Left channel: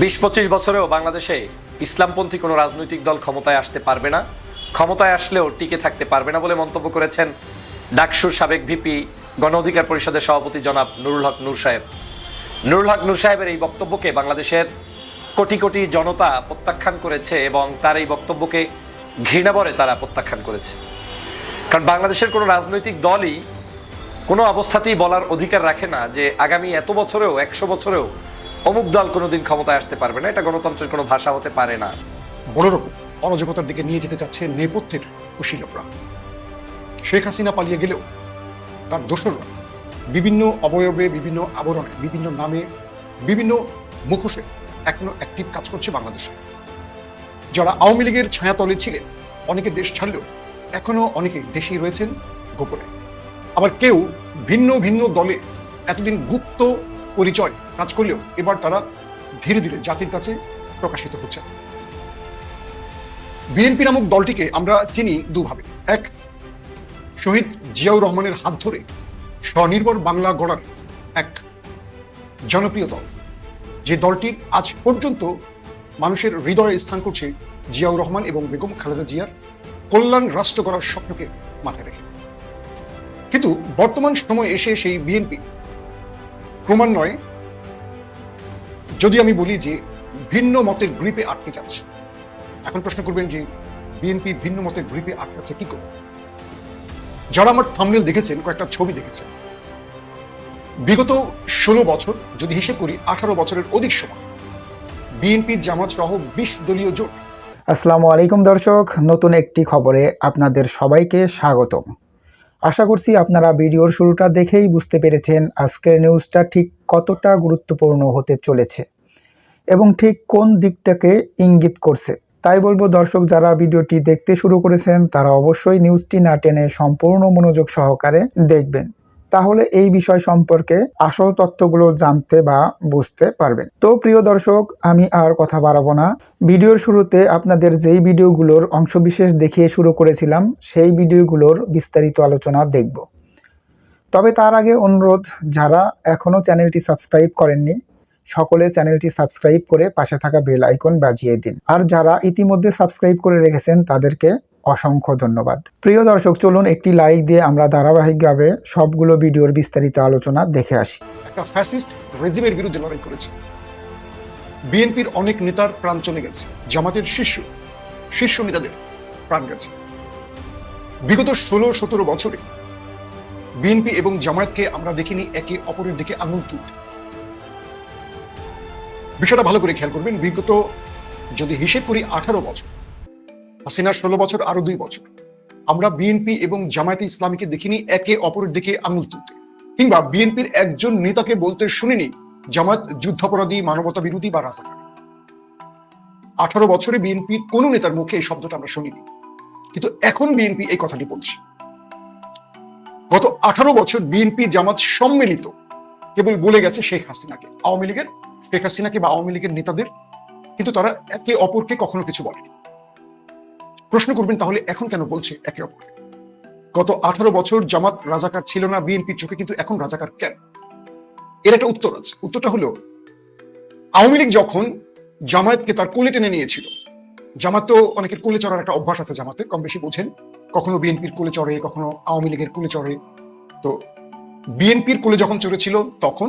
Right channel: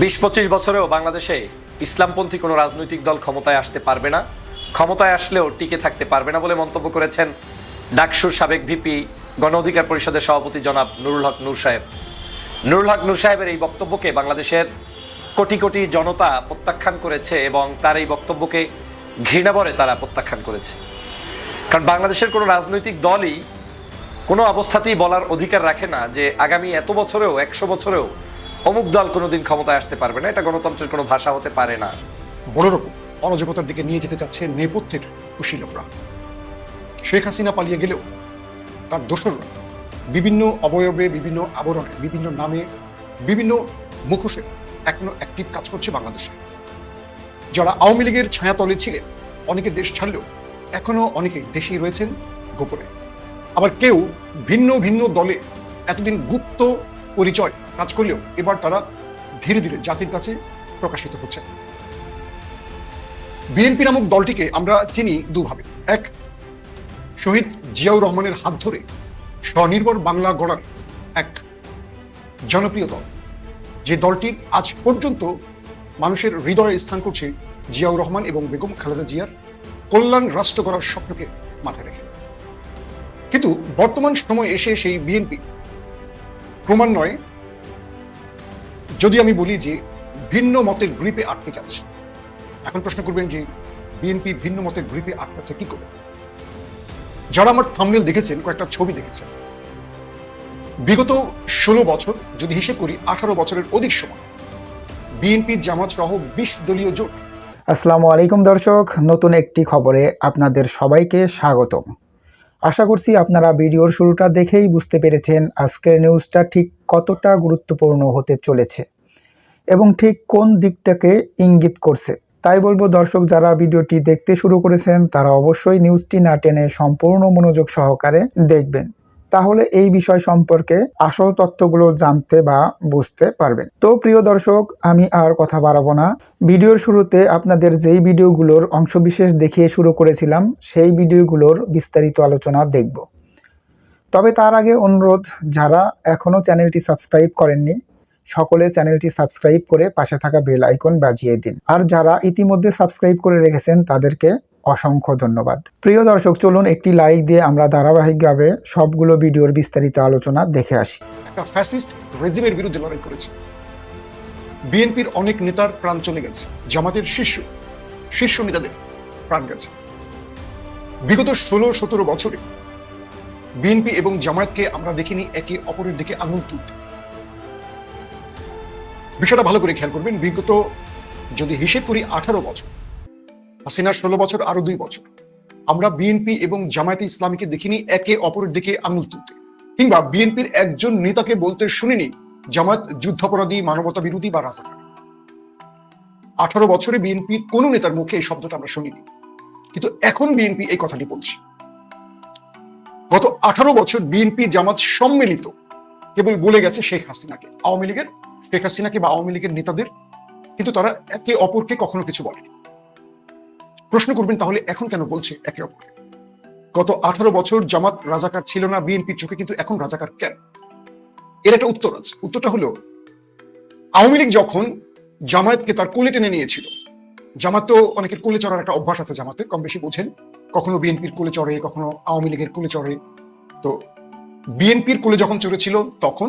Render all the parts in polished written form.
20-25 বছরেও বাংলাদেশে ইসলামপন্থী কোনো রাজনৈতিক দল ক্ষমতায় আসতে পারবে না, ক্ষমতায় আসলেও টিকে থাকতে পারবে না বলে মন্তব্য করেছেন ডাকসুর সাবেক ভিপি গণ অধিকার পরিষদের সভাপতি জনাব নুরুল হক নূর সাহেব। নুরুল হক নূর সাহেবের এই বক্তব্যকে বাংলাদেশের কোটি কোটি জনতা প্রত্যাখ্যান করেছে এবং তার এই বক্তব্যকে ঘৃণাভরে তারা প্রত্যাখ্যান করেছে। কারণ বাংলাদেশের কোনো রাজনৈতিক দলই কোনো অবস্থাতেই বলার অধিকার রাখে না যে আগামী এত বছরেও 100 বছরেও অমুক দল কোনোদিন ক্ষমতায় আসতে পারবে না। এটা গণতন্ত্রের কোনো ভাষা হতে পারে না। বড় রকম অরাজকতার দিকে নিয়ে যেতে চাচ্ছে নেপথ্যের কুশীলকরা। শেখ হাসিনা পালিয়ে গেলেও তার দোসররা বিভিন্ন অবয়বে, বিভিন্ন আবরণে, বিভিন্ন নামে, বিভিন্ন মুখোশে এখনো অ্যাক্টিভ কাজ করছে বাংলাদেশে। যারা আওয়ামী লীগের ছায়াতলে ছিলেন, অনেকে দেশ ছাড়লেও এখনো অনেকে দেশে রয়েছেন গোপনে। আবার কেউ ভিন্ন ভিন্ন দলে এতদিন গুপ্ত পরিচয় কাজ করলেও এবার তারা ধীরে ধীরে জাতির কাছে প্রকাশিত হচ্ছে। বিএনপি নামক দলটিকে আমরা চিনি দুভাবে। এক, শহীদ জিয়াউর রহমানের হাত ধরে স্বনির্ভর বাংলা গড়ার এক জনপ্রিয় দল, যে দলটির আজ পর্যন্ত মানুষের হৃদয়ে স্থান করছে জিয়াউর রহমান এবং বেগম খালেদা জিয়ার কল্যাণ রাষ্ট্র করার স্বপ্নকে মাথায় রেখে। কিন্তু বর্তমান সময়ে এসে সেই বিএনপি ক্রমান্বয়ে, যদি আমি বলি যে ভিন্ন মতের গ্রিপে আটকে যাচ্ছে। এখন প্রশ্ন করবেন যে বিএনপি ভিন্ন মতের গ্রিপে আটকাচ্ছে কি করে? যারা আমার থাম্বনেল দেখেছেন, কয়েকটা ছবি দেখেছেন, বিগত 16 বছর যদি হিসেব করি 18 বছরের অধিক সময় বিএনপি জামাত সহ 20 দলীয় জোট। আসসালামু আলাইকুম দর্শক, নতুন একটি খবরে আপনাদের সবাইকে স্বাগতম। আশা করছি আপনারা ভিডিওর শুরুটা দেখেই বুঝতে পেরেছেন আজকের নিউজটা ঠিক কতটা গুরুত্বপূর্ণ হতে চলেছে এবং ঠিক কোন দিকটাকে ইঙ্গিত করছে। তাই বলবো দর্শক, যারা ভিডিওটি দেখতে শুরু করেছেন তারা অবশ্যই নিউজটি না টেনে সম্পূর্ণ মনোযোগ সহকারে দেখবেন, তাহলে এই বিষয় সম্পর্কে আসল তথ্যগুলো জানতে বা বুঝতে পারবেন। তো প্রিয় দর্শক, আমি আর কথা বাড়াবো না। ভিডিওর শুরুতে আপনাদের যেই ভিডিওগুলোর অংশবিশেষ দেখিয়ে শুরু করেছিলাম সেই ভিডিওগুলোর বিস্তারিত আলোচনা দেখব। তবে তার আগে অনুরোধ, যারা এখনো চ্যানেলটি সাবস্ক্রাইব করেননি সকলে চ্যানেলটি সাবস্ক্রাইব করে পাশে থাকা বেল আইকন বাজিয়ে দিন, আর যারা ইতিমধ্যে সাবস্ক্রাইব করে রেখেছেন তাদেরকে অসংখ্য ধন্যবাদ। প্রিয় দর্শক, চলুন একটি লাইক দিয়ে আমরা ধারাবাহিকভাবে সবগুলো ভিডিওর বিস্তারিত আলোচনা দেখে আসি। একটা ফ্যাসিস্ট রেজিমের বিরুদ্ধে লড়াই করেছে। বিএনপির অনেক নেতার প্রাণ চলে গেছে, জামাতের শীর্ষ নেতাদের প্রাণ গেছে। বিগত 16-17 বছরে বিএনপি এবং জামায়াতকে আমরা দেখিনি একে অপরের দিকে আঙুল তুলতে। বিষয়টা ভালো করে খেয়াল করবেন। বিগত যদি হিসেব করি 18 বছর, হাসিনার 16 বছর, আরো 2 বছর, আমরা বিএনপি এবং জামায়াতে ইসলামীকে দেখিনি একে অপরের দিকে আঙুল তুলতে, কিংবা বিএনপির একজন নেতাকে বলতে শুনিনি জামাত যুদ্ধাপরাধী, মানবতা বিরোধী বা রাজনীতি। 18 বছরে বিএনপির কোন নেতার মুখে এই শব্দটা আমরা শুনিনি, কিন্তু এখন বিএনপি এই কথাটি বলছে। গত 18 বছর বিএনপি জামাত সম্মিলিত কেবল বলে গেছে শেখ হাসিনাকে, আওয়ামী লীগের শেখ হাসিনাকে বা আওয়ামী লীগের নেতাদের, কিন্তু তারা একে অপরকে কখনো কিছু বলেনি। প্রশ্ন করবেন তাহলে এখন কেন বলছে একে অপরকে? গত 18 বছর জামাত রাজাকার ছিল না বিএনপির চোখে, কিন্তু এখন রাজাকার কেন? এর একটা উত্তর আছে। উত্তরটা হলো, আওয়ামী লীগ যখন জামায়াতকে তার কোলে টেনে নিয়েছিল, জামাত তো অনেকের কোলে চড়ার একটা অভ্যাস আছে, জামাতে কম বেশি বোঝেন, কখনো বিএনপির কোলে চড়ে, কখনো আওয়ামী লীগের কোলে চড়ে। তো বিএনপির কোলে যখন চড়েছিল তখন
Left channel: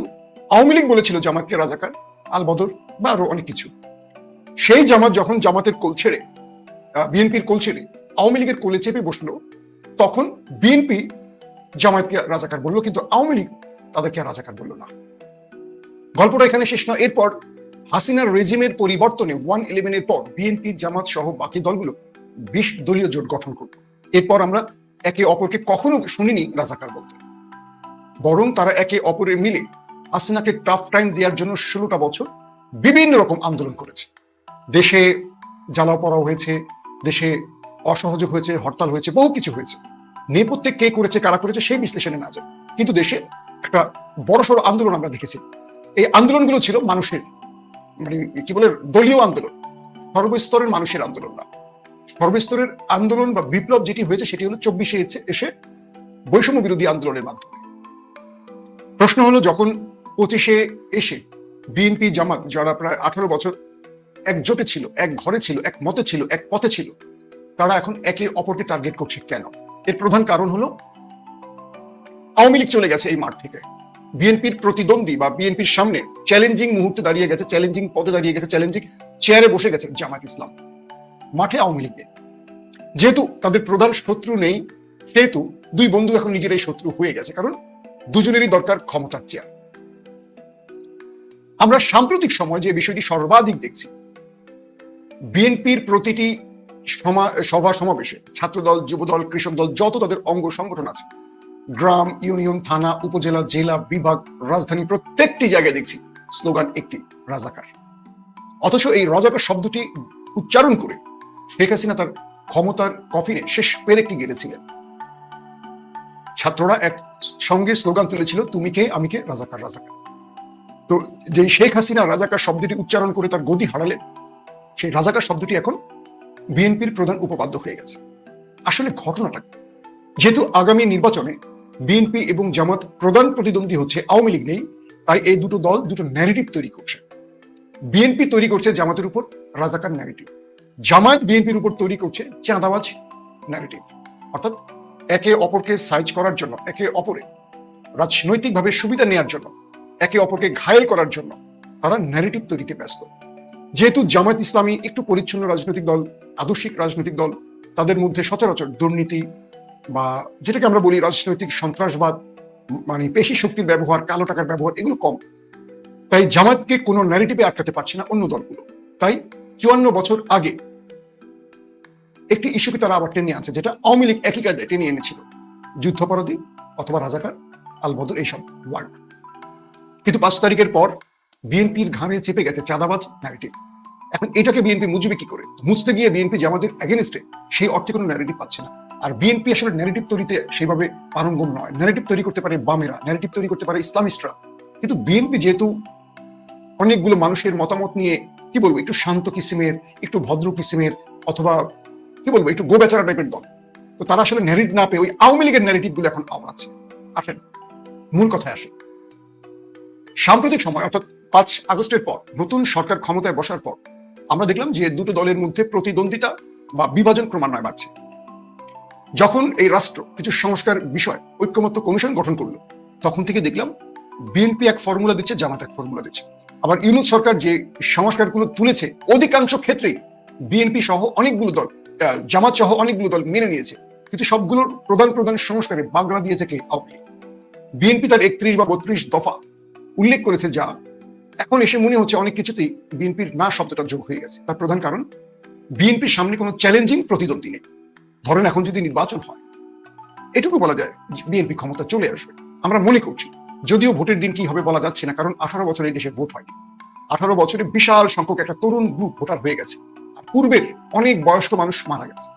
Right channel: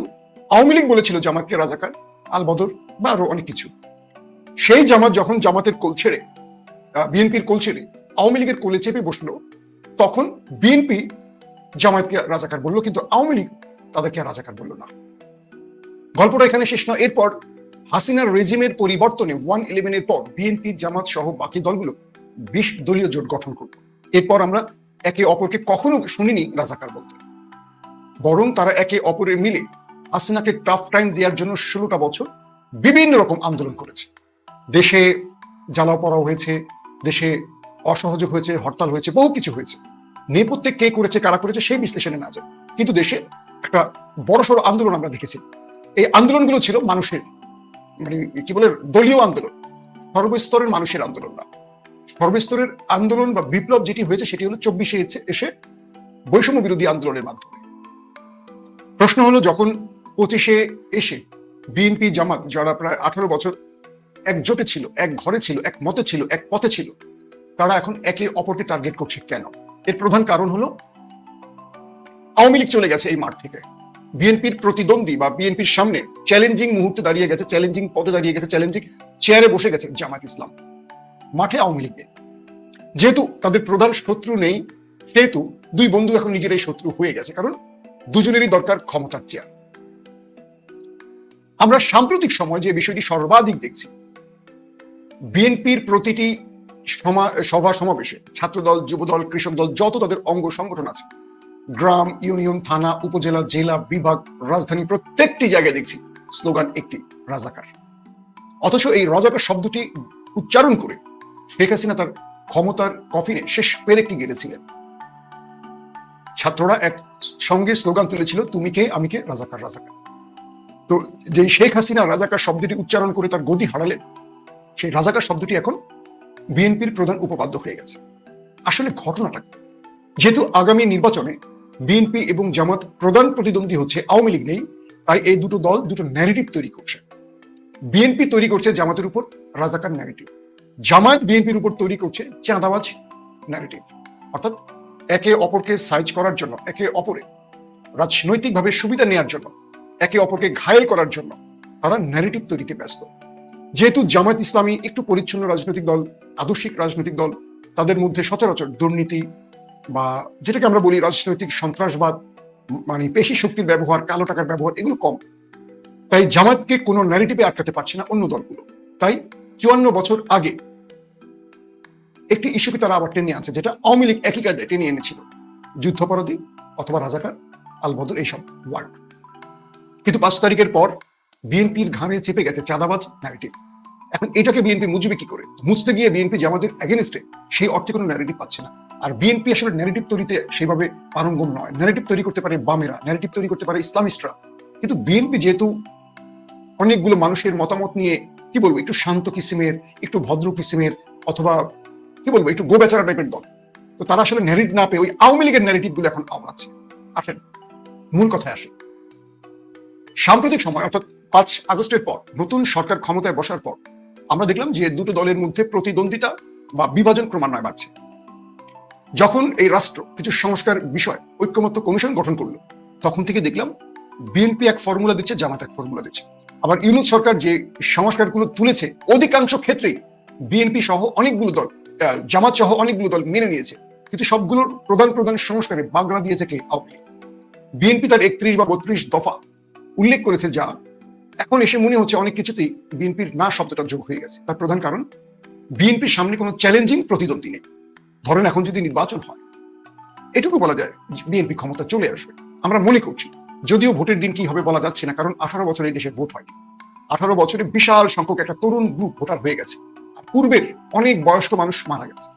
আওয়ামী লীগ বলেছিল জামাতকে রাজাকার, আল বদর বা আরো অনেক কিছু। সেই জামাত যখন জামাতের কোল ছেড়ে, বিএনপির কোল ছেড়ে আওয়ামী লীগের কোলে চেপে বসলো, তখন বিএনপি জামায়াতকে রাজাকার বললো, কিন্তু আওয়ামী লীগ তাদেরকে রাজাকার বললো না। গল্পটা এখানে শেষ না। এরপর হাসিনার রেজিমের পরিবর্তনে 111-এর পর বিএনপি, জামাত সহ বাকি দলগুলো 20 দলীয় জোট গঠন করল। এরপর আমরা একে অপরকে কখনো শুনিনি রাজাকার বলতে, বরং তারা একে অপরের মিলে হাসিনাকে টাফ টাইম দেওয়ার জন্য 16টা বছর বিভিন্ন রকম আন্দোলন করেছে। দেশে জ্বালাও পড়াও হয়েছে, দেশে অসহযোগ হয়েছে, হরতাল হয়েছে, বহু কিছু হয়েছে। নেপথ্যে কে করেছে, কারা করেছে সেই বিশ্লেষণে না যায়, কিন্তু দেশে একটা বড়সড় আন্দোলন আমরা দেখেছি। এই আন্দোলনগুলো ছিল মানুষের, মানে কি বলে, দলীয় আন্দোলন, সর্বস্তরের মানুষের আন্দোলন না। সর্বস্তরের আন্দোলন বা বিপ্লব যেটি হয়েছে সেটি হলো 24-এ এসে বৈষম্য বিরোধী আন্দোলনের মাধ্যমে। প্রশ্ন হলো, যখন 25-এ এসে বিএনপি জামাত যারা প্রায় 18 বছর একজোটে ছিল, এক ঘরে ছিল, এক মতে ছিল, এক পথে ছিল, তারা এখন একে অপরকে টার্গেট করছে কেন? এর প্রধান কারণ হলো আওয়ামী লীগ চলে গেছে এই মাঠ থেকে। বিএনপির প্রতিদ্বন্দ্বী বা বিএনপির সামনে চ্যালেঞ্জিং মুহূর্তে দাঁড়িয়ে গেছে, চ্যালেঞ্জিং পদে দাঁড়িয়ে গেছে, চ্যালেঞ্জিং চেয়ারে বসে গেছে জামাত ইসলাম। মাঠে আওয়ামী লীগ নেই। যেহেতু তাদের প্রধান শত্রু নেই, সেহেতু দুই বন্ধু এখন নিজেরাই শত্রু হয়ে গেছে, কারণ দুজনেরই দরকার ক্ষমতার চেয়ার। আমরা সাম্প্রতিক সময়ে যে বিষয়টি সর্বাধিক দেখছি, বিএনপির প্রতিটি সভা সমাবেশে ছাত্রদল, যুবদল, কৃষক দল, যত তাদের অঙ্গ সংগঠন আছে, গ্রাম, ইউনিয়ন, থানা, উপজেলা, জেলা, বিভাগ, রাজধানী, প্রত্যেকটি জায়গায় দেখছি স্লোগান একটি, রাজাকার। অথচ এই রাজাকার শব্দটি উচ্চারণ করে শেখ হাসিনা তার ক্ষমতার কফিনে শেষ পেরেকটি গেড়েছিলেন। ছাত্ররা এক সঙ্গে স্লোগান তুলেছিল, তুমি কে, আমি কে, রাজাকার রাজাকার। তো যে শেখ হাসিনা রাজাকার শব্দটি উচ্চারণ করে তার গদি হারালেন, সেই রাজাকার শব্দটি এখন বিএনপির প্রধান উপপাদ্য হয়ে গেছে। আসলে ঘটনাটা, যেহেতু আগামী নির্বাচনে বিএনপি এবং জামাত প্রধান প্রতিদ্বন্দ্বী হচ্ছে, আওয়ামী লীগ নেই, তাই এই দুটো দল দুটো ন্যারেটিভ তৈরি করছে। বিএনপি তৈরি করছে জামাতের উপর রাজাকার ন্যারেটিভ, জামাত বিএনপির উপর তৈরি করছে চাঁদাবাজ ন্যারেটিভ। অর্থাৎ একে অপরকে সাইজ করার জন্য, একে অপরে রাজনৈতিকভাবে সুবিধা নেওয়ার জন্য, একে অপরকে ঘায়েল করার জন্য তারা ন্যারেটিভ তৈরিতে ব্যস্ত। যেহেতু জামাত ইসলামী একটু পরিচ্ছন্ন রাজনৈতিক দল, আদর্শিক রাজনৈতিক দল, তাদের মধ্যে সচরাচর দুর্নীতি বা যেটাকে আমরা বলি রাজনৈতিক সন্ত্রাসবাদ, মানে পেশি শক্তির ব্যবহার, কালো টাকার ব্যবহার, এগুলো কম। তাই জামাতকে কোনো ন্যারেটিভে আটকাতে পারছে না অন্য দলগুলো। তাই 54 বছর আগে একটি ইস্যুকে তারা আবার টেনে আনছে, যেটা আওয়ামী লীগ একই কায়দায় টেনে এনেছিল, যুদ্ধাপরাধী অথবা রাজাকার, আল বদর, এইসব ওয়ার্ড। কিন্তু 5 তারিখের পর বিএনপির ঘাড়ে চেপে গেছে চাঁদাবাজ ন্যারেটিভ। এখন এটাকে বিএনপি মুছবে কি করে? মুছতে গিয়ে বিএনপি জামাতের এগেনস্টে সেই অর্থে কোনো ন্যারেটিভ পাচ্ছে না। আর বিএনপি আসলে ন্যারেটিভ তৈরিতে সেভাবে পারঙ্গম নয়। ন্যারেটিভ তৈরি করতে পারে বামেরা, ন্যারেটিভ তৈরি করতে পারে ইসলামিস্টরা, কিন্তু বিএনপি যেহেতু অনেকগুলো মানুষের মতামত নিয়ে, কি বলবো, একটু শান্ত কিসিমের, একটু ভদ্র কিসিমের, অথবা কি বলবো, একটু গোবেচারা টাইপের দল, তো তারা আসলে ন্যারেটিভ না পেয়ে ওই আওয়ামী লীগের ন্যারেটিভ গুলো এখন আমলাচ্ছে। আসেন মূল কথায় আসে। সাম্প্রতিক সময় অর্থাৎ 5 আগস্টের পর নতুন সরকার ক্ষমতায় বসার পর আমরা দেখলাম যে দুটো দলের মধ্যে প্রতিদ্বন্দ্বিতা বা বিভাজন ক্রমান্বয়ে বাড়ছে। যখন এই রাষ্ট্র কিছু সংস্কার বিষয় ঐক্যমত্য কমিশন গঠন করলো, তখন থেকে দেখলাম বিএনপি এক ফর্মুলা দিচ্ছে, জামাত এক ফর্মুলা দিচ্ছে। আবার ইউনূস সরকার যে সংস্কারগুলো তুলেছে, অধিকাংশ ক্ষেত্রেই বিএনপি সহ অনেকগুলো দল, জামাত সহ অনেকগুলো দল মেনে নিয়েছে, কিন্তু সবগুলোর প্রধান প্রধান সংস্কারে বাগড়া দিয়েছে কি আওয়ামী লীগ। বিএনপি তার 31 বা 32 দফা উল্লেখ করেছে, যা এখন এসে মনে হচ্ছে অনেক কিছুতেই বিএনপির না শব্দটা যোগ হয়ে গেছে। তার প্রধান কারণ, বিএনপির সামনে কোনো চ্যালেঞ্জিং প্রতিদ্বন্দ্বী নেই। ধরুন এখন যদি নির্বাচন হয়, এটুকু বলা যায় বিএনপি ক্ষমতা চলে আসবে, আমরা মনে করছি। যদিও ভোটের দিন কি হবে বলা যাচ্ছে না, কারণ 18 বছর এই দেশে ভোট হয়। 18 বছরে বিশাল সংখ্যক একটা তরুণ গ্রুপ ভোটার হয়ে গেছে, পূর্বে অনেক বয়স্ক মানুষ মারা গেছে।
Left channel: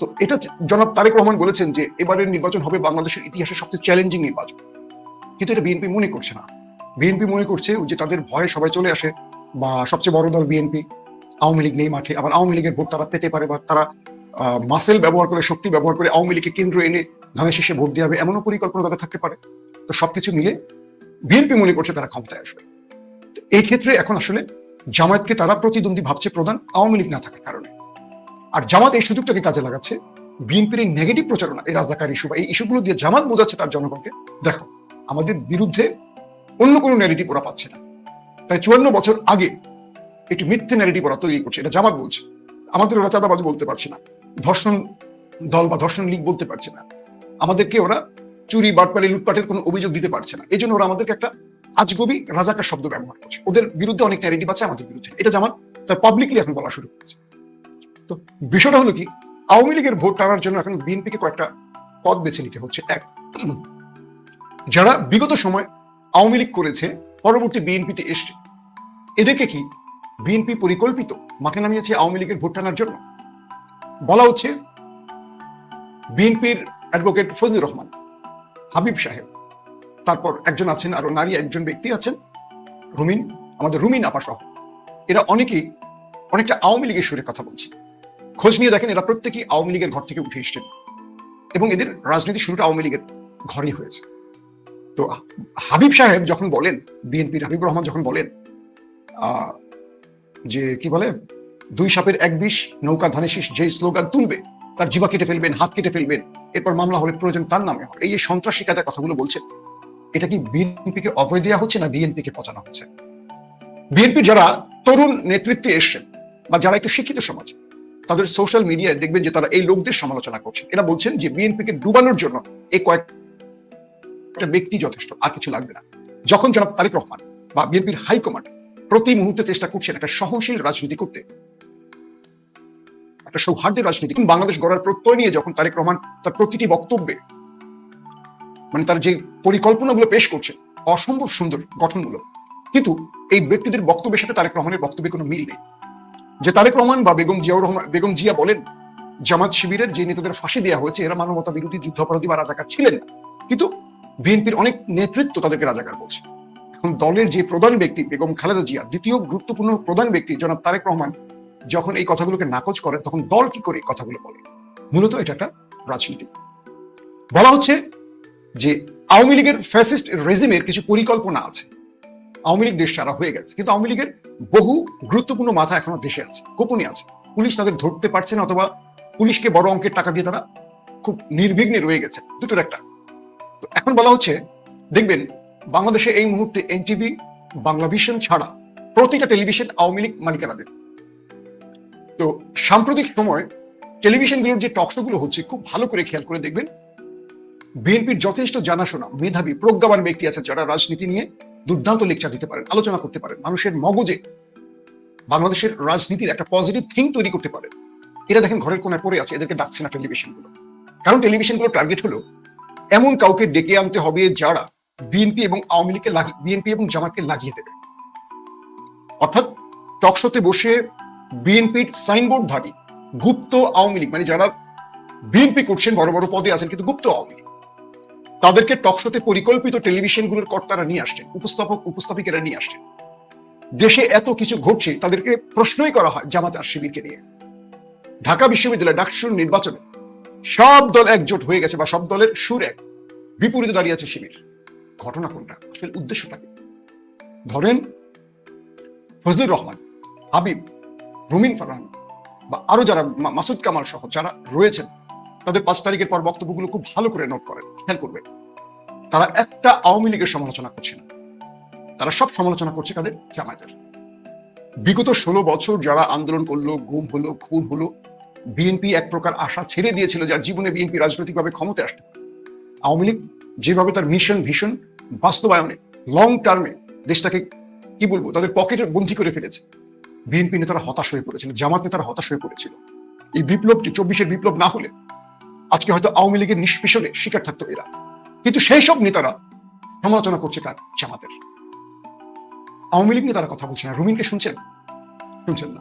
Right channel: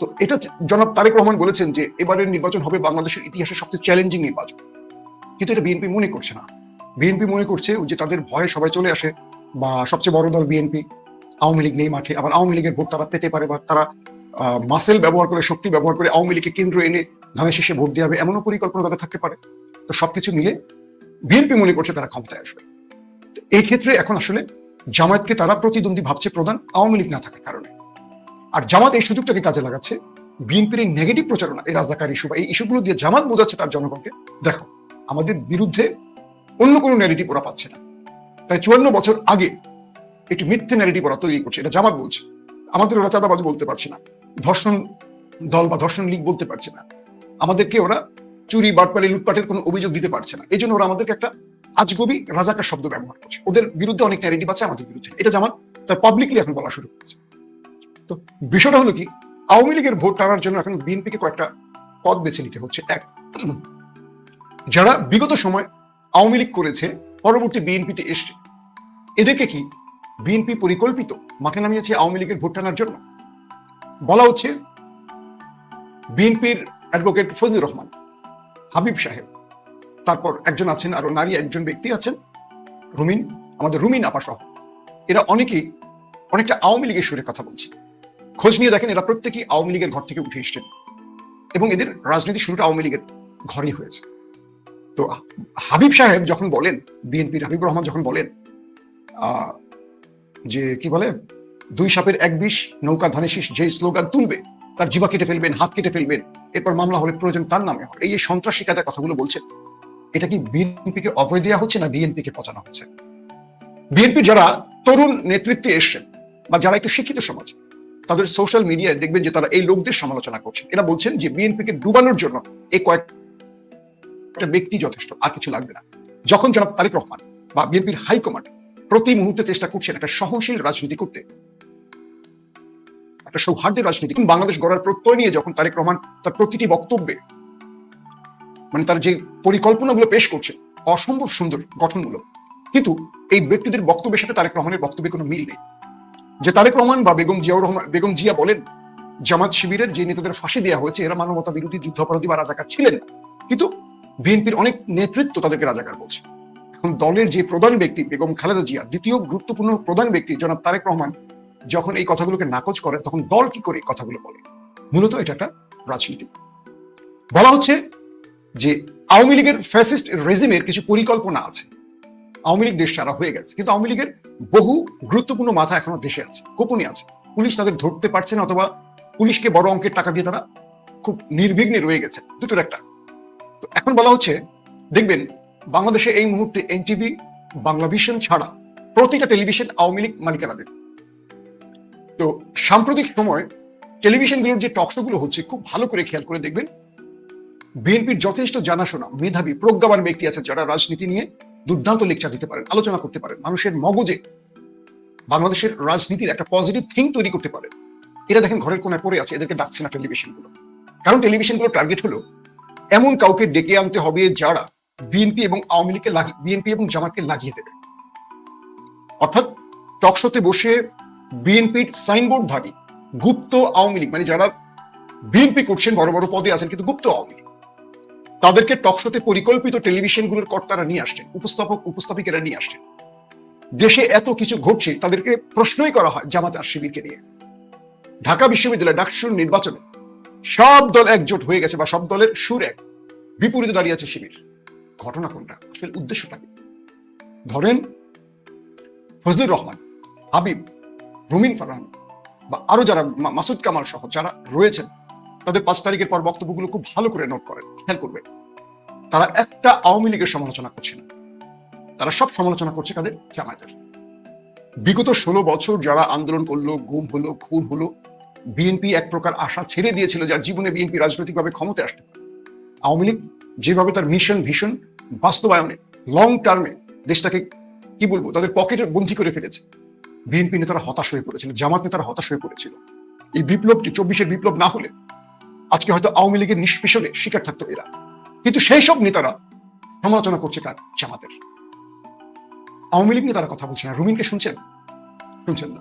তো এটা জনাব তারেক রহমান বলেছেন যে এবারের নির্বাচন হবে বাংলাদেশের ইতিহাসে সবচেয়ে চ্যালেঞ্জিং নির্বাচন, কিন্তু এটা বিএনপি মনে করছে না। বিএনপি মনে করছে যে তাদের ভয়ে সবাই চলে আসে, বা সবচেয়ে বড় দল বিএনপি, আওয়ামী লীগ নেই মাঠে, আবার আওয়ামী লীগের ভোট তারা পেতে পারে, বা তারা মাসেল ব্যবহার করে, শক্তি ব্যবহার করে আওয়ামী লীগকে কেন্দ্র এনে ধানের শেষে ভোট দেওয়া হবে, এমনও পরিকল্পনা তাদের থাকতে পারে। তো সবকিছু মিলে বিএনপি মনে করছে তারা ক্ষমতায় আসবে। এই ক্ষেত্রে এখন আসলে জামায়াতকে তারা প্রতিদ্বন্দ্বী ভাবছে, প্রধান আওয়ামী লীগ না থাকার কারণে। আর জামাত এই সুযোগটাকে কাজে লাগাচ্ছে, বিএনপির এই নেগেটিভ প্রচারণা, এই রাজাকার ইস্যু বা এই ইস্যুগুলো দিয়ে জামাত বোঝাচ্ছে তার জনগণকে, দেখো আমাদের বিরুদ্ধে অন্য কোনো ন্যারেটিভ ওরা পাচ্ছে না। তাই 54 বছর আগে একটি মিথ্যা ন্যারেটিভ ওরা তৈরি করছে, এটা জামাত বলছে। আমাদের ওরা চাঁদাবাজি বলতে পারছে না, ধর্ষণ দল বা ধর্ষণ লীগ বলতে পারছে না, আমাদেরকে ওরা চুরি, বাটপাড়ি, লুটপাটের কোনো অভিযোগ দিতে পারছে না। এই জন্য ওরা আমাদেরকে একটা আজগবি রাজাকার শব্দ ব্যবহার করছে। ওদের বিরুদ্ধে অনেক ন্যারেটিভ আছে, আমাদের বিরুদ্ধে, এটা জামাত তার পাবলিকলি এখন বলা শুরু করেছে। তো বিষয়টা হলো কি, আওয়ামী লীগের ভোট টানার জন্য এখন বিএনপিকে কয়েকটা পথ বেছে নিতে হচ্ছে। এক, যারা বিগত সময় আওয়ামী লীগ করেছে, পরবর্তী বিএনপিতে এসছে, এদেরকে কি বিএনপি পরিকল্পিত মাঠে নামিয়েছে আওয়ামী লীগের ভোট টানার জন্য? বলা হচ্ছে বিএনপির অ্যাডভোকেট ফজলুর রহমান, হাবিব সাহেব, তারপর একজন আছেন, আরো নারী একজন ব্যক্তি আছেন, রুমিন, আমাদের রুমিন আপা সহ, এরা অনেকেই অনেকটা আওয়ামী লীগের সুরে কথা বলছে। খোঁজ নিয়ে দেখেন এরা প্রত্যেকেই আওয়ামী লীগের ঘর থেকে উঠে এসছেন, এবং এদের রাজনীতি শুরুটা আওয়ামী লীগের ঘরেই হয়েছে। তো হাবিব সাহেব যখন বলেন, বিএনপির হাবিব রহমান যখন বলেন আহ, যে কি বলে, দুই সাপের এক বিষ, নৌকা ধারে শীষ, যে স্লোগান তুলবে তার যুবা কেটে ফেলবেন, হাত কেটে ফেলবেন, এরপর মামলা হলে প্রয়োজন তার নামে হবে। এই যে সন্ত্রাসী কাদের কথাগুলো বলছে, এটা কি বিএনপিকে অভয় দেওয়া হচ্ছে না বিএনপিকে পচানো হচ্ছে? বিএনপি যারা তরুণ নেতৃত্বে এসছেন বা যারা একটু শিক্ষিত সমাজ, তাদের সোশ্যাল মিডিয়ায় দেখবেন যে তারা এই লোকদের সমালোচনা করছে। এরা বলছেন যে বিএনপিকে ডুবানোর জন্য এই কয়েকটা ব্যক্তি যথেষ্ট, আর কিছু লাগবে না। যখন জনাব তারেক রহমান বা বিএনপির হাইকমান্ড প্রতি মুহূর্তে চেষ্টা করছেন একটা সহনশীল রাজনীতি করতে, একটা সৌহার্দ্যের রাজনীতি, বাংলাদেশ গড়ার প্রত্যয় নিয়ে যখন তারেক রহমান তার প্রতিটি বক্তব্যে তার যে পরিকল্পনাগুলো পেশ করছেন, অসম্ভব সুন্দর গঠনমূলক, কিন্তু এই ব্যক্তিদের বক্তব্যের সাথে তারেক রহমানের বক্তব্যের কোনো মিল নেই। যে তারেক রহমান বা বেগম জিয়া বলেন জামাত শিবিরের যে নেতাদের ফাঁসি দেওয়া হয়েছে এরা মানবতা বিরোধী, যুদ্ধাপরাধী বা রাজাকার ছিলেন না, কিন্তু বিএনপির অনেক নেতৃত্ব তাদেরকে রাজাকার বলছে। এখন দলের যে প্রধান ব্যক্তি বেগম খালেদা জিয়া, দ্বিতীয় গুরুত্বপূর্ণ প্রধান ব্যক্তি জনাব তারেক রহমান যখন এই কথাগুলোকে নাকচ করেন, তখন দল কি করে এই কথাগুলো বলে? মূলত এটা একটা রাজনীতি। বলা হচ্ছে যে আওয়ামী লীগের ফ্যাসিস্ট রেজিমের কিছু পরিকল্পনা আছে, আওয়ামী লীগ দেশ ছাড়া হয়ে গেছে, কিন্তু আওয়ামী লীগের বহু গুরুত্বপূর্ণ মাথা এখনো দেশে আছে, গোপনে আছে, পুলিশ তাদের ধরতে পারছে না, অথবা পুলিশকে বড় অঙ্কের টাকা দিয়ে তারা খুব নির্বিঘ্নে রয়ে গেছে, দুটোর একটা। তো এখন বলা হচ্ছে, দেখবেন বাংলাদেশে এই মুহূর্তে এনটিভি, বাংলাভিশন ছাড়া প্রতিটা টেলিভিশন আওয়ামী লীগ মালিকানাদের। তো সাম্প্রতিক সময় টেলিভিশনগুলোর যে টকশোগুলো হচ্ছে, খুব ভালো করে খেয়াল করে দেখবেন বিএনপির যথেষ্ট জানাশোনা মেধাবী প্রজ্ঞাবান ব্যক্তি আছে যারা রাজনীতি নিয়ে দুর্দান্ত লেকচার দিতে পারেন, আলোচনা করতে পারেন, মানুষের মগজে বাংলাদেশের রাজনীতির একটা পজিটিভ থিঙ্ক তৈরি করতে পারে। এরা দেখেন ঘরের কোনায় পড়ে আছে, এদেরকে ডাকছে না টেলিভিশনগুলো, কারণ টেলিভিশনগুলোর টার্গেট হলো এমন কাউকে ডেকে আনতে হবে যারা বিএনপি এবং আওয়ামী লীগকে বিএনপি এবং জামাতকে লাগিয়ে দেবে। অর্থাৎ টকশোতে বসে বিএনপির সাইনবোর্ড ধরে গুপ্ত আওয়ামী লীগ, মানে যারা বিএনপি করছেন, বড় বড় পদে আছেন কিন্তু গুপ্ত আওয়ামী লীগ, তাদেরকে টকশোতে পরিকল্পিত টেলিভিশনগুলোর কর্তারা নিয়ে আসছেন, উপস্থাপিকেরা নিয়ে আসছেন। দেশে এত কিছু ঘটছে, তাদেরকে প্রশ্নই করা হয় জামাত আর শিবিরকে নিয়ে। ঢাকা বিশ্ববিদ্যালয় ডাকসুর নির্বাচনে সব দল একজোট হয়ে গেছে, বা সব দলের সুর এক, বিপরীতে দাঁড়িয়ে আছে শিবির। ঘটনা কোনটা? আসলে উদ্দেশ্য ধরেন ফজলুর রহমান, হাবিব, রুমিন ফারহান বা আরো যারা, মাসুদ কামাল সহ যারা রয়েছেন, তাদের 5 তারিখের পর বক্তব্যগুলো খুব ভালো করে নোট করেন, খেয়াল করবেন। তারা একটা আওয়ামী লীগের সমালোচনা করছে না, তারা সব সমালোচনা করছে কাদের? জামায়াতের। বিগত 16 বছর যারা আন্দোলন করলো, গুম হলো, খুন হলো, বিএনপি এক প্রকার আশা ছেড়ে দিয়েছিল যার জীবনে বিএনপি রাজনৈতিকভাবে ক্ষমতা আসবে। আওয়ামী লীগ যেভাবে তার মিশন ভীষণ বাস্তবায়নে লং টার্মে দেশটাকে কি বলবো তাদের পকেটের বন্ধু করে ফেলেছে, বিএনপি নেতারা হতাশ হয়ে পড়েছিল, জামাত নেতারা হতাশ হয়ে পড়েছিল। এই বিপ্লবটি 24-এর বিপ্লব না হলে আজকে হয়তো আওয়ামী লীগের নিষ্পেষণে শিকার থাকতো এরা, কিন্তু সেই সব নেতারা সমালোচনা করছে কার? জামাতের। আওয়ামী লীগ নেতারা কথা বলছে না। রুমিনকে শুনছেন? শুনছেন না।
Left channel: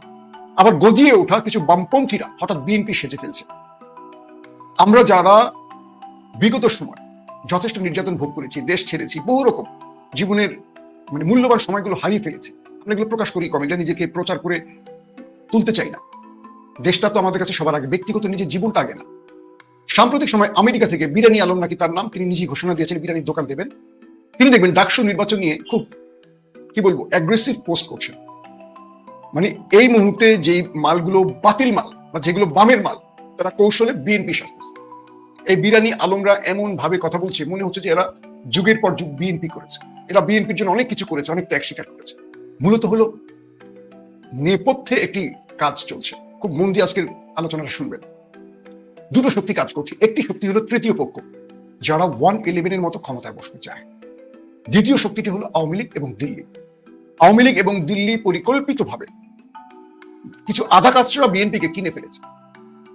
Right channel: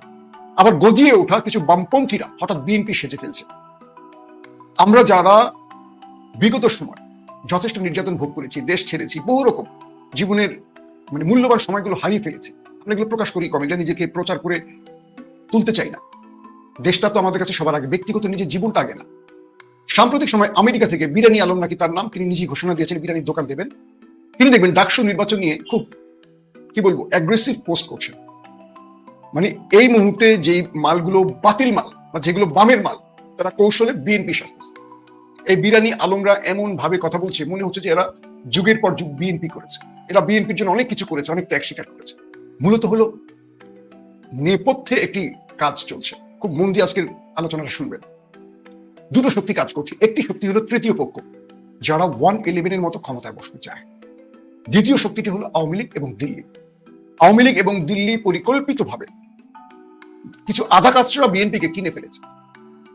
আবার গজিয়ে ওঠা কিছু বামপন্থীরা হঠাৎ বিএনপি সেজে ফেলছে। আমরা যারা বিগত সময় যথেষ্ট নির্যাতন ভোগ করেছি, দেশ ছেড়েছি, বহু রকম জীবনের মানে মূল্যবান সময়গুলো হারিয়ে ফেলেছি, আমরা এগুলো প্রকাশ করি কম, এগুলো নিজেকে প্রচার করে তুলতে চাই না। দেশটা তো আমাদের কাছে সবার আগে, ব্যক্তিগত নিজের জীবনটা আগে না। সাম্প্রতিক সময় আমেরিকা থেকে বিরানি আলম নাকি তার নাম, তিনি নিজেই ঘোষণা দিয়েছেন বিরানির দোকান দেবেন। তিনি দেখবেন ডাকসু নির্বাচন নিয়ে খুব কি বলবো অ্যাগ্রেসিভ পোস্ট করছেন। মানে এই মুহূর্তে যে মালগুলো বাতিল মাল, যেগুলো কমের মাল, তারা কৌশলে বিএনপি সাজতেছে। এই বিরানি আলমরা এমন ভাবে কথা বলছে, মনে হচ্ছে যে এরা যুগের পর যুগ বিএনপি করেছে, এরা বিএনপির জন্য অনেক কিছু করেছে, অনেক ত্যাগ স্বীকার করেছে। মূলত হলো নেপথ্যে একটি কাজ চলছে, খুব মন দিয়ে আজকের আলোচনাটা শুনবেন। দুটো শক্তি কাজ করছে। একটি শক্তি হলো তৃতীয় পক্ষ, যারা 111-এর মতো ক্ষমতায় বসতে চায়। দ্বিতীয় শক্তিটি হলো আওয়ামী লীগ এবং দিল্লি। আওয়ামী লীগ এবং দিল্লি পরিকল্পিতভাবে কিছু আধা কাজরা বিএনপিকে কিনে ফেলেছে।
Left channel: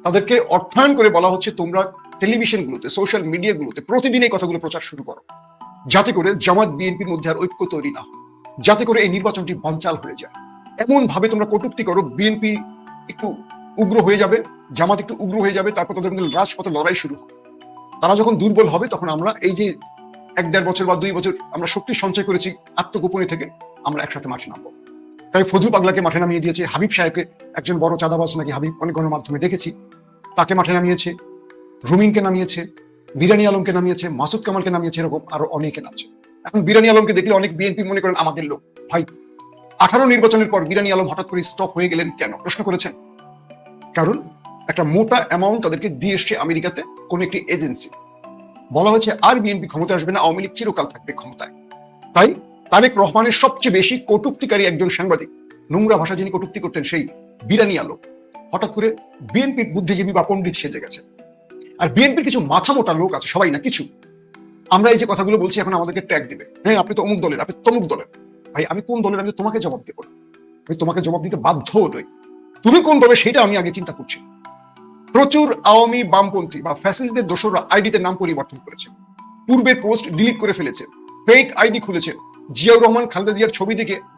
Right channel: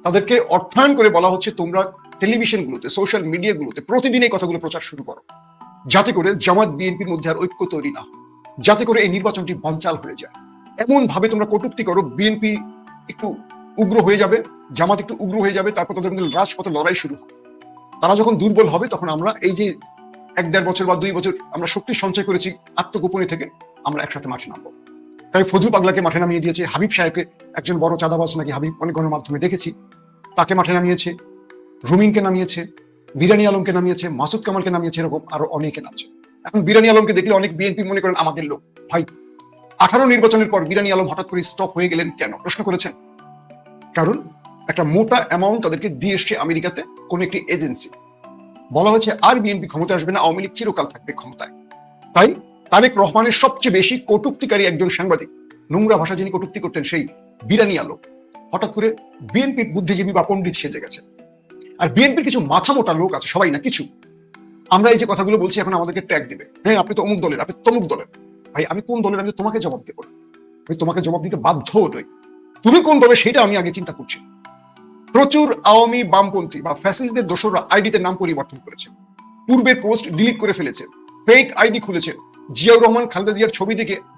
তাদেরকে অর্থায়ন করে বলা হচ্ছে, তোমরা টেলিভিশনগুলোতে, সোশ্যাল মিডিয়াগুলোতে প্রতিদিন এই কথাগুলো প্রচার শুরু করো, যাতে করে জামাত বিএনপির মধ্যে আর ঐক্য তৈরি না হয়, যাতে করে এই নির্বাচনটি বানচাল হয়ে যায়। এমন ভাবে তোমরা কটূক্তি করো, বিএনপি একটু উগ্র হয়ে যাবে, জামাত একটু উগ্র হয়ে যাবে, তারপর তাদের মধ্যে রাজপথে লড়াই শুরু হবে। তারা যখন দুর্বল হবে, তখন আমরা এই যে 1-1.5 বছর বা 2 বছর আমরা শক্তি সঞ্চয় করেছি আত্মগোপনী থেকে, আমরা একসাথে মাঠে নামবো। তাই ফজু পাগলাকে মাঠে নামিয়ে দিয়েছে, হাবিব সাহেবকে, একজন বড় চাঁদাবাজ নাকি হাবিব, অনেক গণমাধ্যমে দেখেছি, তাকে মাঠে নামিয়েছে, রুমিনকে নামিয়েছে, বিরানি আলমকে নামিয়েছে, মাসুদ কামালকে নামিয়েছে, এরকম আরো অনেকে নামছে। এখন বিরানি আলমকে দেখলে অনেক বিএনপি মনে করেন আমাদের লোক। ভাই, 18 নির্বাচনের পর বিরানী আলম হঠাৎ করে স্টপ হয়ে গেলেন কেন প্রশ্ন করেছেন? কারণ একটা মোটা অ্যামাউন্ট তাদেরকে দিয়ে এসছে আমেরিকাতে কোন একটি এজেন্সি। বলা হয়েছে আর বিএনপি ক্ষমতায় আসবে না, আওয়ামী লীগ চিরকাল থাকবে ক্ষমতায়। তাই তারেক রহমানের সবচেয়ে বেশি কটূক্তিকারী একজন সাংবাদিক, নোংরা ভাষা যিনি কটূক্তি করতেন, সেই বিরানী আলম হঠাৎ করে বিএনপির বুদ্ধিজীবী বা পণ্ডিত সেজে গেছে। আর বিএনপির কিছু মাথা মোটা লোক আছে, সবাই না কিছু। আমরা এই যে কথাগুলো বলছি এখন আমাদেরকে ট্যাগ দিবে, হ্যাঁ আপনি তো অমুক দলের, আপনি তমুক দলের। ভাই আমি কোন দলের আমি তোমাকে জবাব দেবো, আমি তোমাকে জবাব দিতে বাধ্য নই। তুমি কোন দলের সেটা আমি আগে চিন্তা করছি। প্রচুর আওয়ামী বামপন্থী বা ফ্যাসিস্টদের দোসররা আইডিতে নাম পরিবর্তন করেছে, পূর্বে পোস্ট ডিলিট করে ফেলেছেন, ফেক আইডি খুলেছেন, জিয়াউর রহমান খালেদা জিয়ার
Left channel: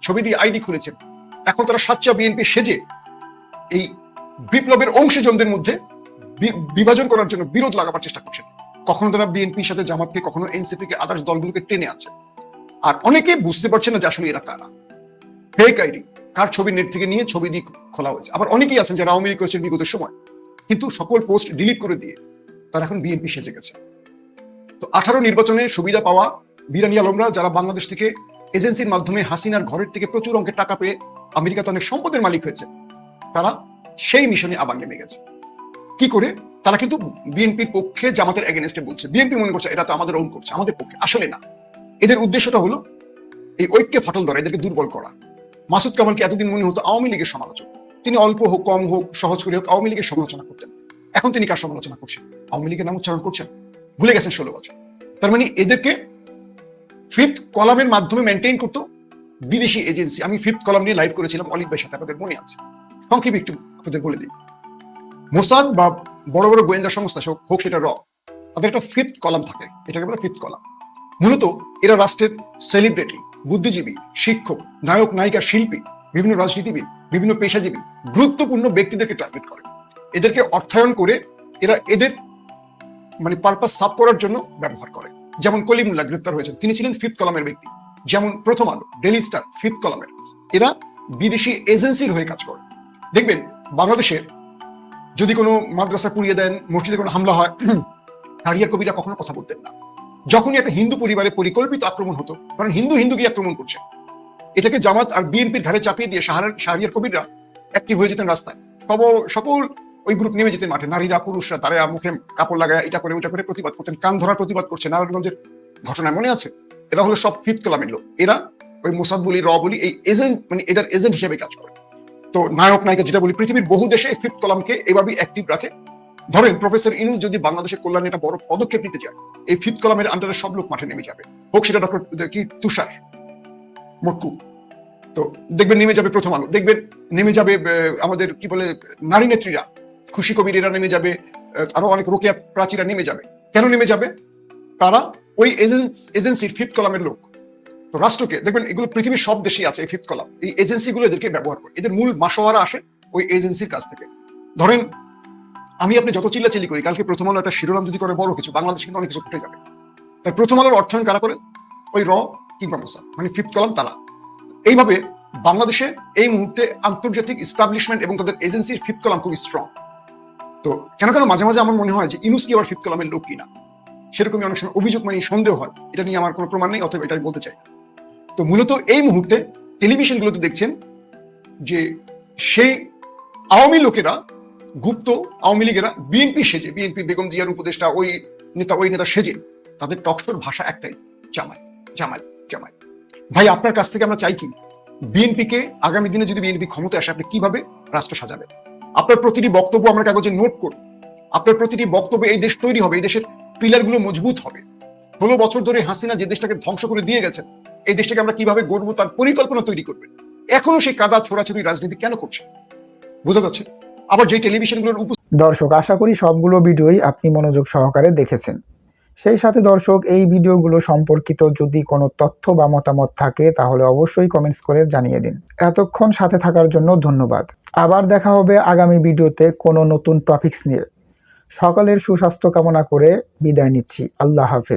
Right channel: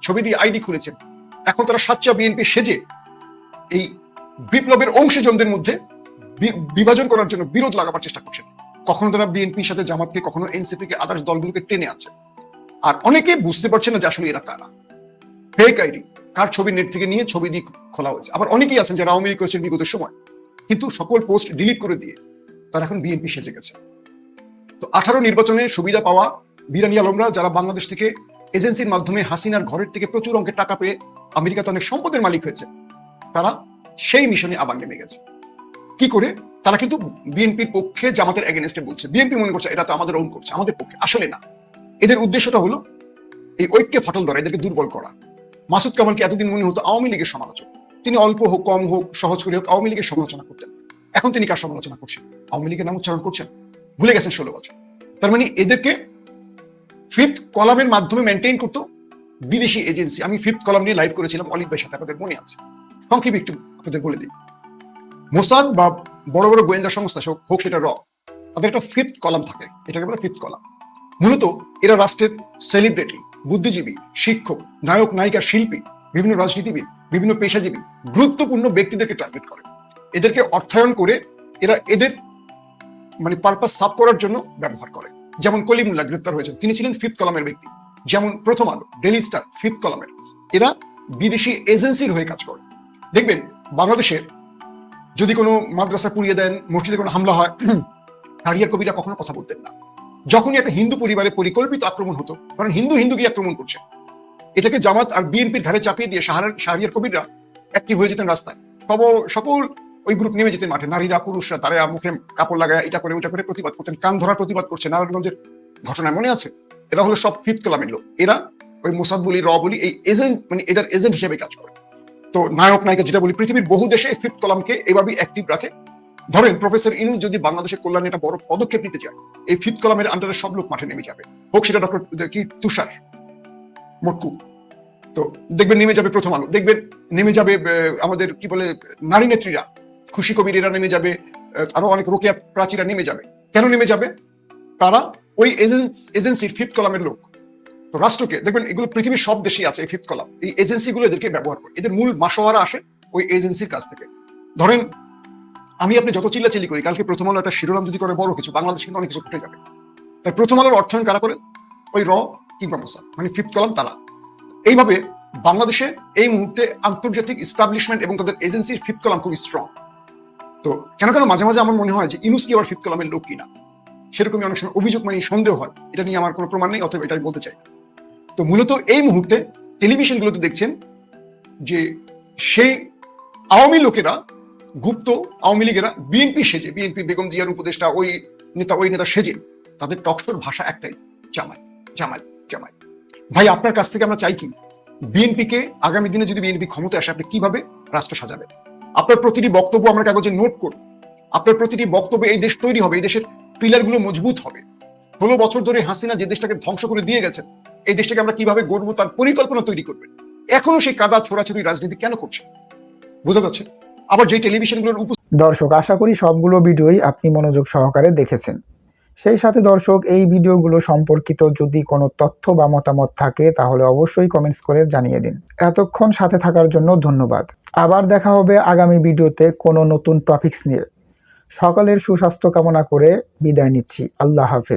ছবি দিয়ে আইডি খুলেছেন। এখন তারা সাচ্চা বিএনপি সেজে এই বিপ্লবের অংশীজনদের মধ্যে বিভাজন করার জন্য বিরোধ লাগাবার চেষ্টা করছেন। কখনো তারা বিএনপির সাথে জামাতকে, কখনো এনসিপি কে, আদার্স দলগুলোকে টেনে আছে। আর অনেকে বুঝতে পারছে না যে আসলে এরা কারা। ফেক আইডি, কার ছবি নেট থেকে নিয়ে ছবি দিয়ে খোলা হয়েছে। আবার অনেকেই আছেন যারা আওয়ামী লীগ করেছেন বিগত সময়, কিন্তু সকল পোস্ট ডিলিট করে দিয়ে তারা এখন বিএনপি সেজে গেছে। 18 নির্বাচনে সুবিধা পাওয়া বিরানী আলমরা, যারা বাংলাদেশ থেকে এজেন্সির মাধ্যমে হাসিনার ঘরের থেকে প্রচুর অঙ্কের টাকা পেয়ে আমেরিকাতে অনেক সম্পদের মালিক হয়েছে, তারা সেই মিশনে আবার নেমে গেছে। কি করে? তারা কিন্তু বিএনপির পক্ষে জামাতের এগেনস্টে বলছে। বিএনপি মনে করছে এরা তো আমাদের রং করছে, আমাদের পক্ষে। আসলে না, এদের উদ্দেশ্যটা হলো এই ঐক্যে ফাটল ধরা, এদেরকে দুর্বল করা। মাসুদ কামালকে এতদিন মনে হতো আওয়ামী লীগের সমালোচক, তিনি অল্প হোক কম হোক সহজ করে হোক আওয়ামী লীগের সমালোচনা করতেন। এখন তিনি কার সমালোচনা করছেন? আওয়ামী লীগের নাম উচ্চারণ করছেন, ভুলে গেছেন 16 বছর। তার মানে এদেরকে ফিফথ কলামের মাধ্যমে মেনটেন করতো বিদেশি এজেন্সি। আমি ফিফথ কলাম নিয়ে লাইভ করেছিলাম অলিভ ভাইয়ের সাথে, আপনাদের মনে আছে? সংক্ষেপে একটু আপনাদের বলে দিই। মোসাদ বা বড় বড় গোয়েন্দা সংস্থা হোক সেটা তাদের একটা ফিফথ কলাম থাকে, এটাকে বলে ফিফথ কলাম। মূলত এরা রাষ্ট্রের সেলিব্রিটি, বুদ্ধিজীবী, শিক্ষক, নায়ক, নায়িকা, শিল্পী, বিভিন্ন রাজনীতিবিদ, বিভিন্ন পেশাজীবী, গুরুত্বপূর্ণ ব্যক্তিদেরকে টার্গেট করে। এদেরকে অর্থায়ন করে এরা এদের মানে পারপাস সাফ করার জন্য ব্যবহার করে। যেমন কলিমুল্লাহ গ্রেপ্তার হয়েছে, তিনি ছিলেন ফিফথ কলামের ব্যক্তি। যেমন প্রথম আলো, ডেইলি স্টার ফিফথ কলামের। এরা বিদেশি এজেন্সির হয়ে কাজ করে। দেখবেন বাংলাদেশে যদি কোনো মাদ্রাসা পুড়িয়ে দেন, মসজিদে কোনো হামলা হয়, শাহরিয়ার কবিরা কখনো কথা বলতেন না। যখনই একটা হিন্দু পরিবারে পরিকল্পিত আক্রমণ হতো, কারণ হিন্দুকে আক্রমণ করছে, এটাকে জামাত আর বিএনপির ধারে চাপিয়ে দিয়ে শাহরিয়ার কবিররা অ্যাক্টিভ হয়ে যেতেন রাস্তায়। সকল ওই গ্রুপ নেমে যেতেন মাঠে, নারীরা পুরুষরা, তারা মুখে কাপড় লাগায় এটা করে ওটা করে প্রতিবাদ করতেন। কান ধরা প্রতিবাদ করছে নারায়ণগঞ্জের ঘটনায়, মনে আছে? এরা হলো সব ফিফথ কলামের লোক। এরা এই মোসাদ বলি, বলি, এই এজেন্ট, মানে এটার এজেন্ট হিসেবে কাজ করে। তো নায়ক নায়িকা যেটা বলি, পৃথিবীর বহু দেশে ফিফথ কলামকে এভাবেই অ্যাক্টিভ রাখে। ধরেন প্রফেসর ইনুস যদি বাংলাদেশের কল্যাণে একটা বড় পদক্ষেপ নিতে চায়, এই ফিফথ কলামের আন্ডারে সব লোক মাঠে নেমে যাবে। হোক সেটা ডক্টর তুষার মক্কু, তো দেখবেন নেমে যাবে প্রথম আলো, দেখবেন নেমে যাবে আমাদের কি বলে নারী নেত্রীরা, খুশি কবিরেরা নেমে যাবে, আরো অনেক রোকেয়া প্রাচীরা নেমে যাবে। কেন নেমে যাবে? তারা ওই এজেন্সির ফিফথ কলামের লোক। তো রাষ্ট্রকে দেখবেন, এগুলো পৃথিবীর সব দেশেই আছে এই ফিফথ কলাম। এই এজেন্সিগুলো এদেরকে ব্যবহার করে, এদের মূল মাসোয়ারা আসে ওই এজেন্সির কাছ থেকে। ধরেন আমি আপনি যত চিল্লাচিল্লি করি, কালকে প্রথম আলো একটা শিরোনাম যদি করে বড় কিছু, বাংলাদেশ কিন্তু অনেক ছোট হয়ে যাবে। তাই প্রথম আলোর অর্থায়ন কারা করে? ওই কিংবা মোসাদ, মানে ফিফথ কলাম তারা। এইভাবে বাংলাদেশে এই মুহূর্তে আন্তর্জাতিক এস্টাবলিশমেন্ট এবং তাদের এজেন্সির ফিফথ কলাম খুবই স্ট্রং। তো কেন মাঝে মাঝে আমার মনে হয় যে ইনুস কি আবার ফিফথ কলামের লোক কিনা, সেরকমই অনেক সময় অভিযোগ, মানে সন্দেহ হয়। এটা নিয়ে আমার কোনো প্রমাণ নেই, অথবা এটাই বলতে চাই। তো মূলত এই মুহূর্তে টেলিভিশনগুলোতে দেখছেন যে সেই আওয়ামী লোকেরা, গুপ্ত আওয়ামী লীগেরা বিএনপি সেজে, বিএনপি বেগম জিয়ার উপদেষ্টা, ওই নেতা সেজে, তাদের টকশোর ভাষা একটাই, জামাই জামাই জামাই। ভাই আপনার কাছ থেকে আমরা চাই কি? বিএনপিকে আগামী দিনে যদি বিএনপি ক্ষমতায় আসে, আপনি কিভাবে রাষ্ট্র সাজাবেন? আপনার প্রতিটি বক্তব্য আমরা কাগজে নোট করব। আপনার প্রতিটি বক্তব্যে এই দেশ তৈরি হবে, এই দেশের পিলার গুলো মজবুত হবে। 16 বছর ধরে হাসিনা যে দেশটাকে ধ্বংস করে দিয়ে গেছেন, এই দেশটাকে আমরা কিভাবে গড়বো তার পরিকল্পনা তৈরি করবেন। এখনো সেই কাদা ছোড়াছুড়ি রাজনীতি কেন করছে? বোঝা যাচ্ছে। আবার যে টেলিভিশনগুলোর দর্শক, আশা করি সবগুলো ভিডিওই আপনি মনোযোগ সহকারে দেখেছেন। সেই সাথে দর্শক, এই ভিডিওগুলো সম্পর্কিত যদি কোনো তথ্য বা মতামত থাকে তাহলে অবশ্যই কমেন্টস করে জানিয়ে দিন। এতক্ষণ সাথে থাকার জন্য ধন্যবাদ। আবার দেখা হবে আগামী ভিডিওতে কোনো নতুন টপিকস নিয়ে। সকলের সুস্বাস্থ্য কামনা করে বিদায় নিচ্ছি। আল্লাহ হাফেজ।